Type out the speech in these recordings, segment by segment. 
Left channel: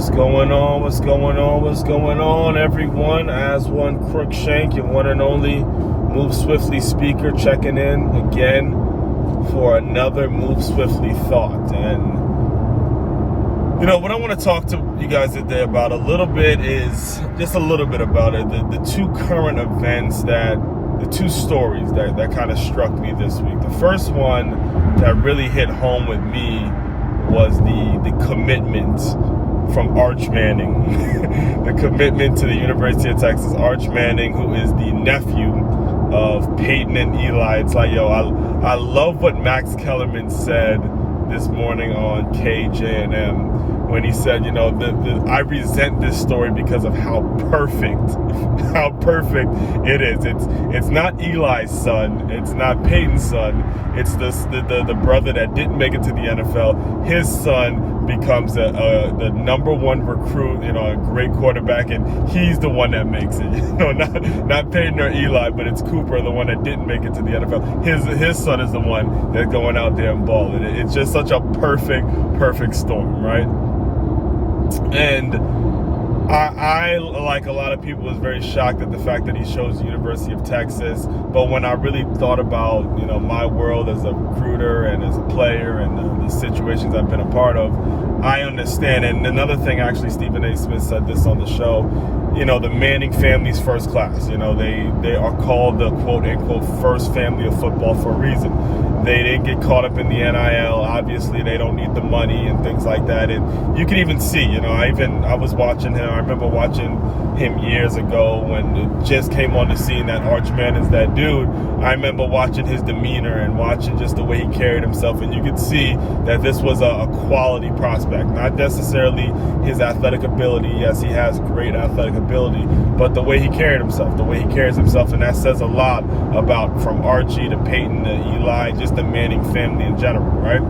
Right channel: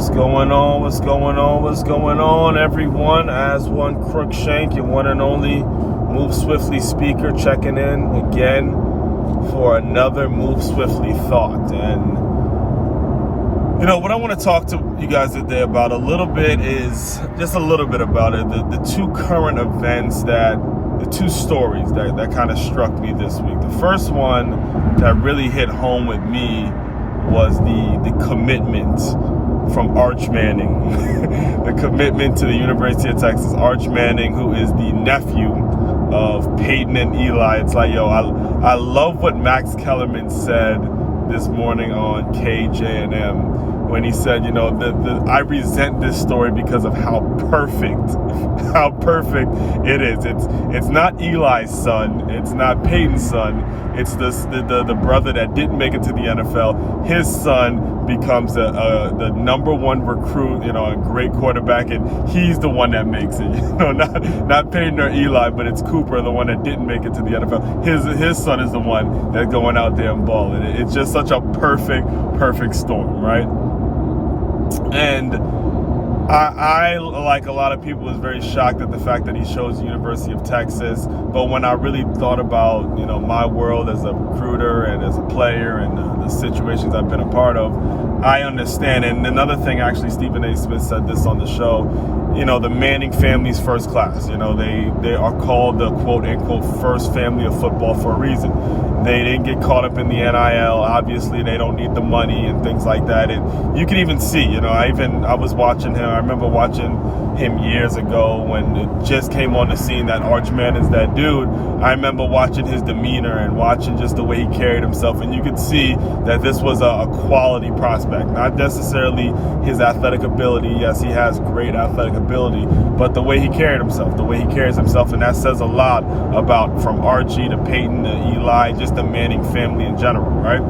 What's going on? What's going on? What's going on, everyone? Aswand Cruickshank, your one and only Move Swiftly speaker, checking in again for another Move Swiftly thought. And you know what I want to talk to you guys today about a little bit is just a little bit about it. The two current events the two stories that kind of struck me this week. The first one that really hit home with me was the commitment from Arch Manning. The commitment to the University of Texas. Arch Manning, who is the nephew of Peyton and Eli. It's like, I love what Max Kellerman said this morning on KJNM when he said, I resent this story because of how perfect it is. It's not Eli's son, it's not Peyton's son, it's the brother that didn't make it to the NFL. His son becomes the number one recruit, a great quarterback, and he's the one that makes it. Not Peyton or Eli, but it's Cooper, the one that didn't make it to the NFL. His son is the one that's going out there and balling. It's just such a perfect storm, right? And I, like a lot of people, was very shocked at the fact that he chose the University of Texas. But when I really thought about, my world as a recruiter and as a player and the situations I've been a part of, I understand. And another thing, actually, Stephen A. Smith said this on the show, the Manning family's first class. They are called the quote-unquote first family of football for a reason. They didn't get caught up in the NIL. Obviously, they don't need the money and things like that. And you can even see, I was watching him. I remember watching him years ago when it just came on the scene that Arch Manning's that dude. I remember watching his demeanor and watching just the way he carried himself. And you could see that this was a quality prospect, not necessarily his athletic ability. Yes, he has great athletic ability, but the way he carried himself, the way he carries himself, and that says a lot about from Archie to Peyton to Eli, just the Manning family in general, right?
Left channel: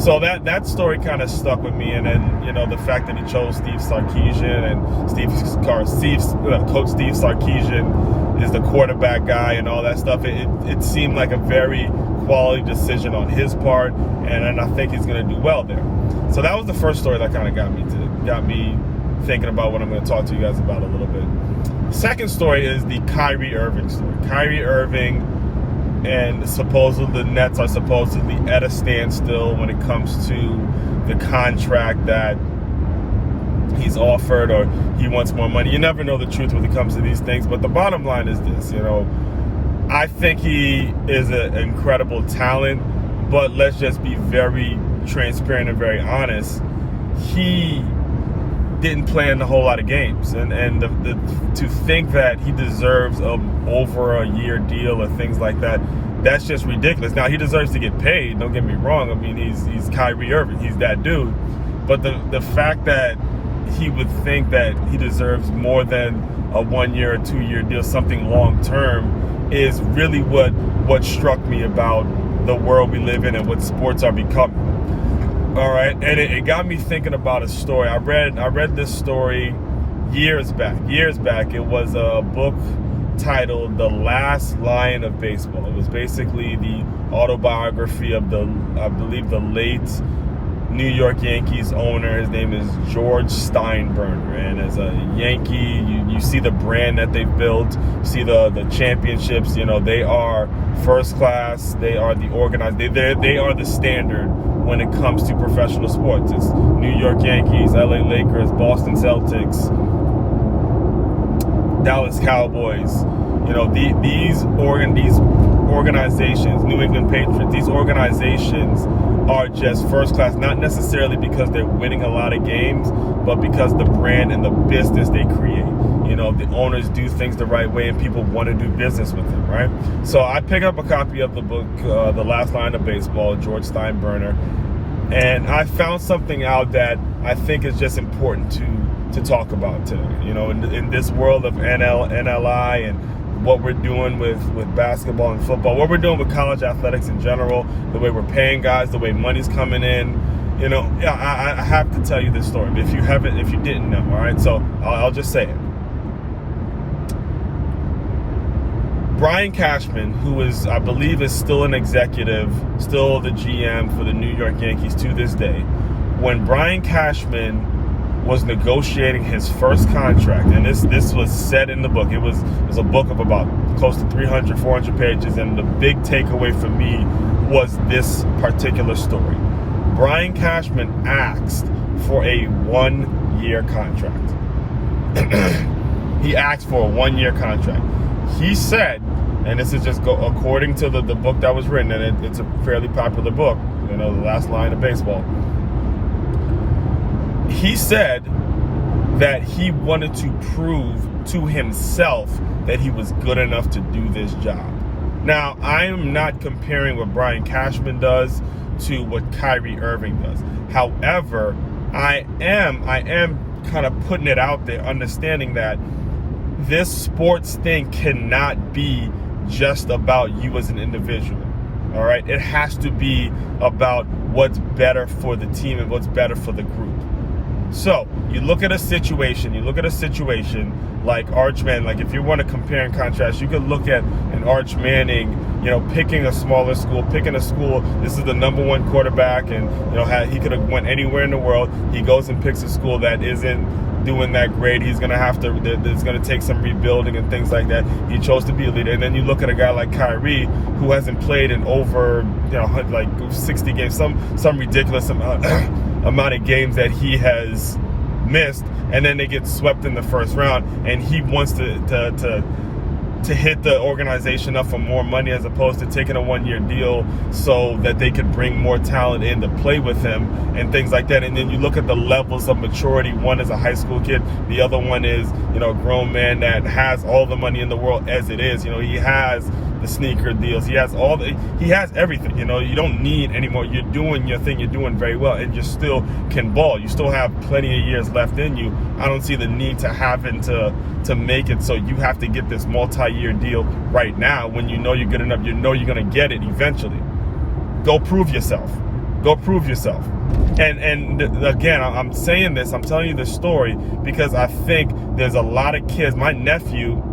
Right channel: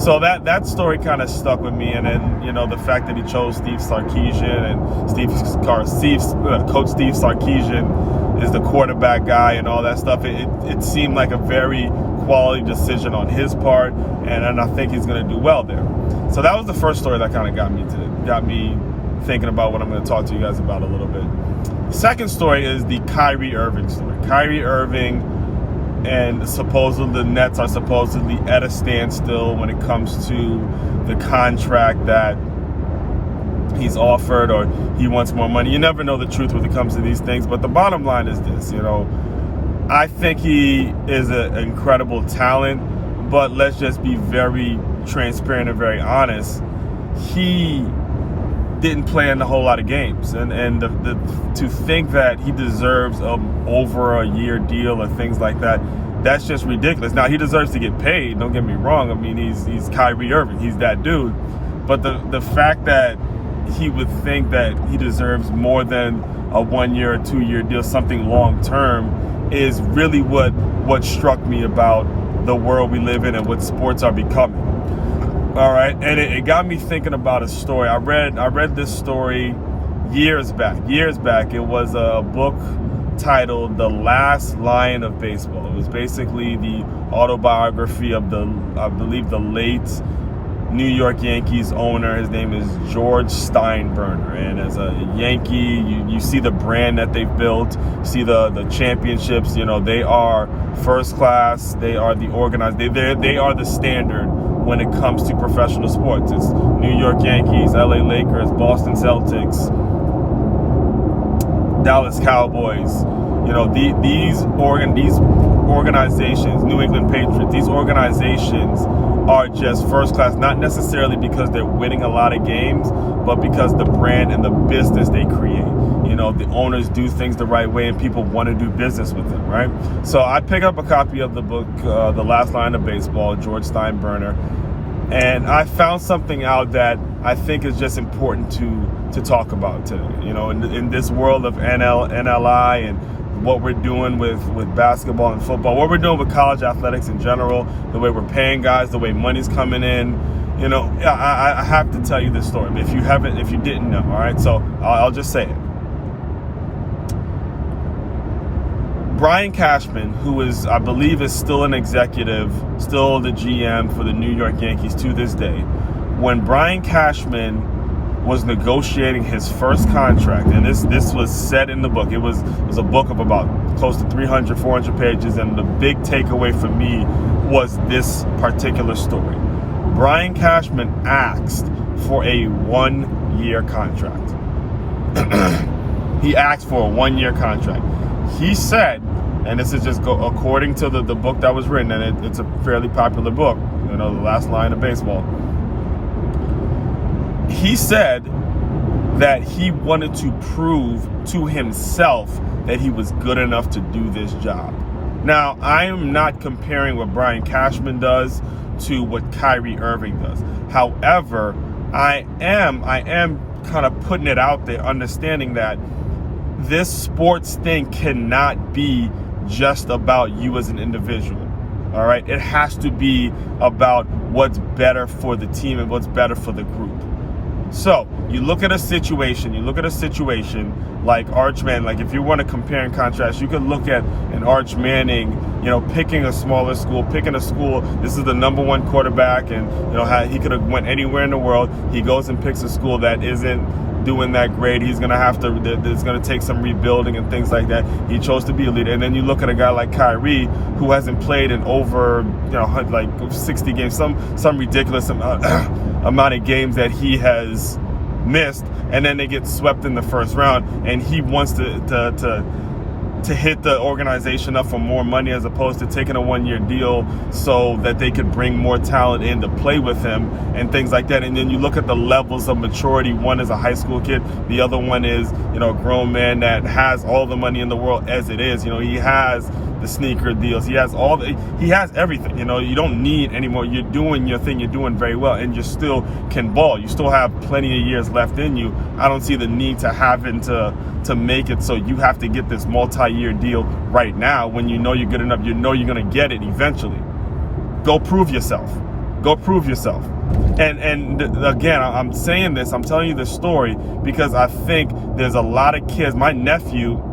So that story kind of stuck with me, and then the fact that he chose Steve Sarkisian, and Coach Steve Sarkisian is the quarterback guy and all that stuff. It seemed like a very quality decision on his part, and I think he's going to do well there. So that was the first story that kind of got me thinking about what I'm going to talk to you guys about a little bit. The second story is the Kyrie Irving story. Kyrie Irving and the Nets are supposedly at a standstill when it comes to the contract that he's offered, or he wants more money. You never know the truth when it comes to these things, but the bottom line is this, I think he is an incredible talent, but let's just be very transparent and very honest. He didn't play in a whole lot of games, and to think that he deserves over a year deal or things like that, that's just ridiculous. Now, he deserves to get paid, don't get me wrong. I mean, he's Kyrie Irving, he's that dude, but the fact that he would think that he deserves more than a 1 year or 2 year deal, something long term, is really what struck me about the world we live in and what sports are becoming. All right, and it got me thinking about a story. I read this story years back. It was a book titled The Last Lion of Baseball. It was basically the autobiography of I believe the late New York Yankees owner. His name is George Steinbrenner, and as a Yankee, you see the brand that they've built, see the championships. They are first class. They are the organized. They are the standard when it comes to professional sports. It's New York Yankees, LA Lakers, Boston Celtics, Dallas Cowboys. These organizations, New England Patriots, these organizations are just first class, not necessarily because they're winning a lot of games, but because the brand and the business they create. The owners do things the right way and people want to do business with them, right? So I picked up a copy of the book, The Last Lion of Baseball, George Steinbrenner, and I found something out that I think is just important to talk about today. In this world of NLI and what we're doing with basketball and football, what we're doing with college athletics in general, the way we're paying guys, the way money's coming in. I have to tell you this story. If you didn't know, all right? So I'll just say it. Brian Cashman, who I believe is still an executive, still the GM for the New York Yankees to this day, when Brian Cashman was negotiating his first contract, and this was said in the book. It was a book of about close to 300, 400 pages, and the big takeaway for me was this particular story. Brian Cashman asked for a 1-year contract. He asked for a 1-year contract. He said, and this is just according to the book that was written, and it's a fairly popular book, The Last Line of Baseball. He said that he wanted to prove to himself that he was good enough to do this job. Now, I am not comparing what Brian Cashman does to what Kyrie Irving does. However, I am kind of putting it out there, understanding that this sports thing cannot be just about you as an individual. All right, it has to be about what's better for the team and what's better for the group. So you look at a situation like Arch Manning. Like, if you want to compare and contrast, you could look at an Arch Manning, picking a smaller school, picking a school. This is the #1 quarterback, and he could have went anywhere in the world. He goes and picks a school that isn't doing that great. He's gonna have to. It's gonna take some rebuilding and things like that. He chose to be a leader. And then you look at a guy like Kyrie, who hasn't played in over like 60 games, some ridiculous amount of games that he has missed, and then they get swept in the first round, and he wants to hit the organization up for more money as opposed to taking a 1-year deal so that they could bring more talent in to play with him and things like that. And then you look at the levels of maturity. One is a high school kid. The other one is, a grown man that has all the money in the world as it is. He has the sneaker deals. He has everything. You don't need anymore. You're doing your thing. You're doing very well, and you still can ball. You still have plenty of years left in you. I don't see the need to having to make it so you have to get this multi-year deal right now when you're good enough. You're going to get it eventually. Go prove yourself. And again, I'm saying this, I'm telling you this story because I think there's a lot of kids. My nephew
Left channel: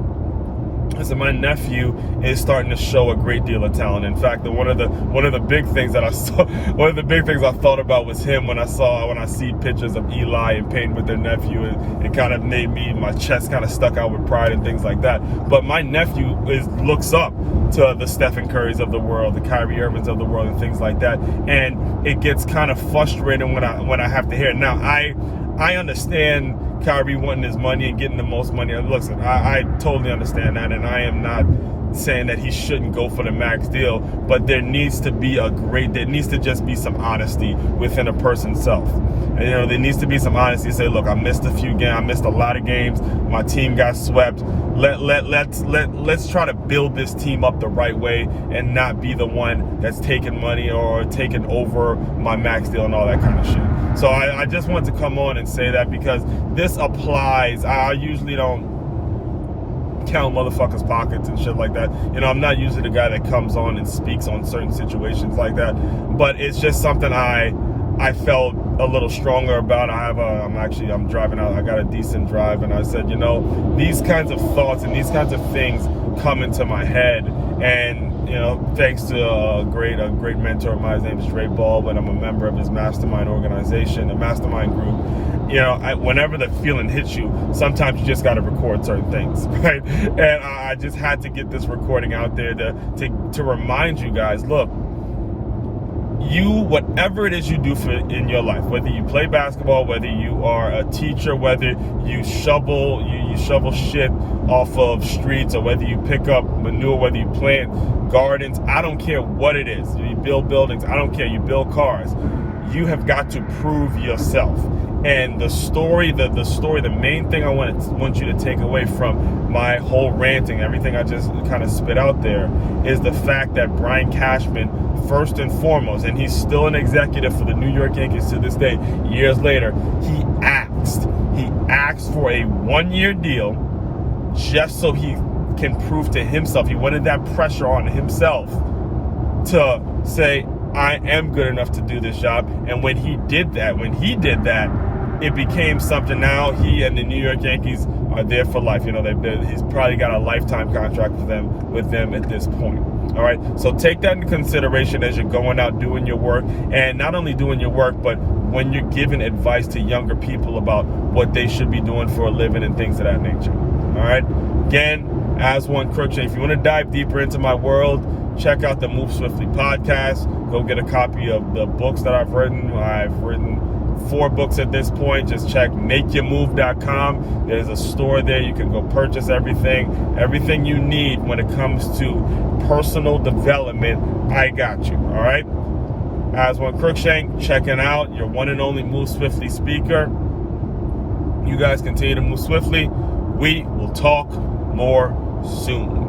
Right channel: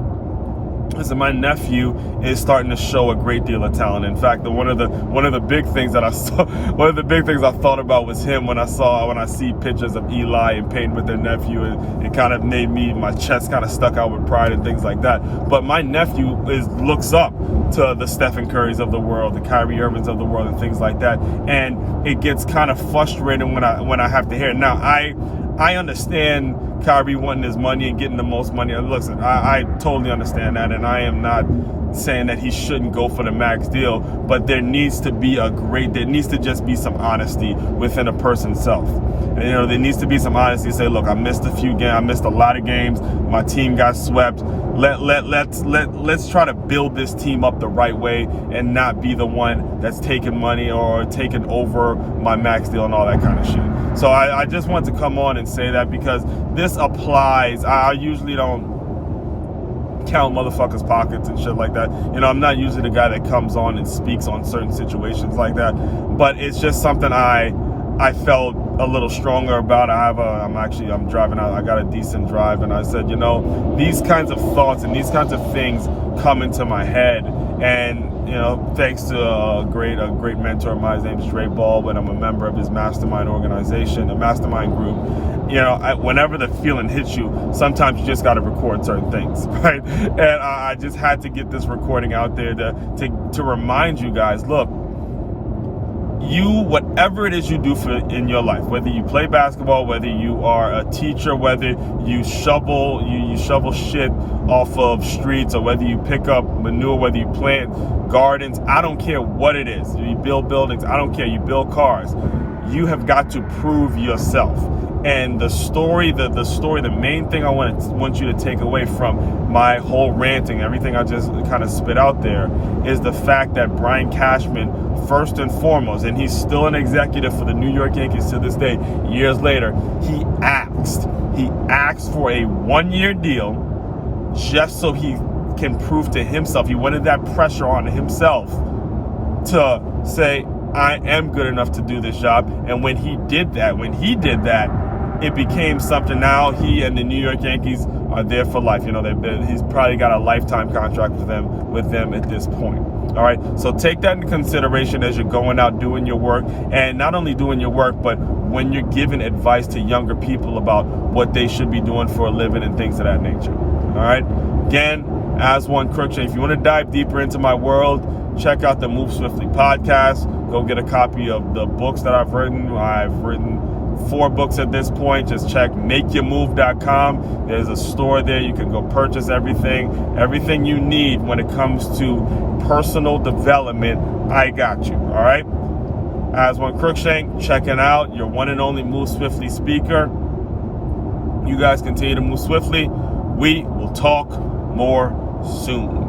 is starting to show a great deal of talent. In fact, one of the big things that I saw, one of the big things I thought about was him when I see pictures of Eli and Peyton with their nephew. It kind of made my chest kind of stuck out with pride and things like that. But my nephew looks up to the Stephen Currys of the world, the Kyrie Irvings of the world, and things like that. And it gets kind of frustrating when I have to hear it. Now, I understand Kyrie wanting his money and getting the most money. Listen, I totally understand that, and I am not saying that he shouldn't go for the max deal, but there needs to just be some honesty within a person's self. And, there needs to be some honesty. Say, look, I missed a few games. I missed a lot of games. My team got swept. Let's try to build this team up the right way and not be the one that's taking money or taking over my max deal and all that kind of shit. So I just want to come on and say that because this applies. I usually don't count motherfuckers' pockets and shit like that. I'm not usually the guy that comes on and speaks on certain situations like that. But it's just something I felt a little stronger about. I'm driving out. I got a decent drive, and I said, these kinds of thoughts and these kinds of things come into my head. And thanks to a great mentor of mine, his name is Dre Baldwin. I'm a member of his mastermind organization, the mastermind group. Whenever the feeling hits you, sometimes you just got to record certain things, right? And I just had to get this recording out there to remind you guys, look, whatever it is you do in your life, whether you play basketball, whether you are a teacher, whether you shovel shit off of streets, or whether you pick up manure, whether you plant gardens, I don't care what it is. You build buildings, I don't care. You build cars. You have got to prove yourself. And the main thing I want you to take away from my whole ranting, everything I just kind of spit out there, is the fact that Brian Cashman, first and foremost, and he's still an executive for the New York Yankees to this day, years later, he asked for a 1-year deal just so he can prove to himself. He wanted that pressure on himself to say, I am good enough to do this job. And when he did that, it became something. Now he and the New York Yankees are there for life. He's probably got a lifetime contract with them at this point. All right. So take that into consideration as you're going out doing your work, and not only doing your work, but when you're giving advice to younger people about what they should be doing for a living and things of that nature. All right. Again, Aswand Cruickshank. If you want to dive deeper into my world, check out the Move Swiftly podcast. Go get a copy of the books that I've written. I've written 4 books at this point. Just check makeyourmove.com. There's a store there. You can go purchase everything you need when it comes to personal development. I got you. All right. Aswand Cruickshank, checking out your one and only Move Swiftly speaker. You guys continue to move swiftly. We will talk more soon.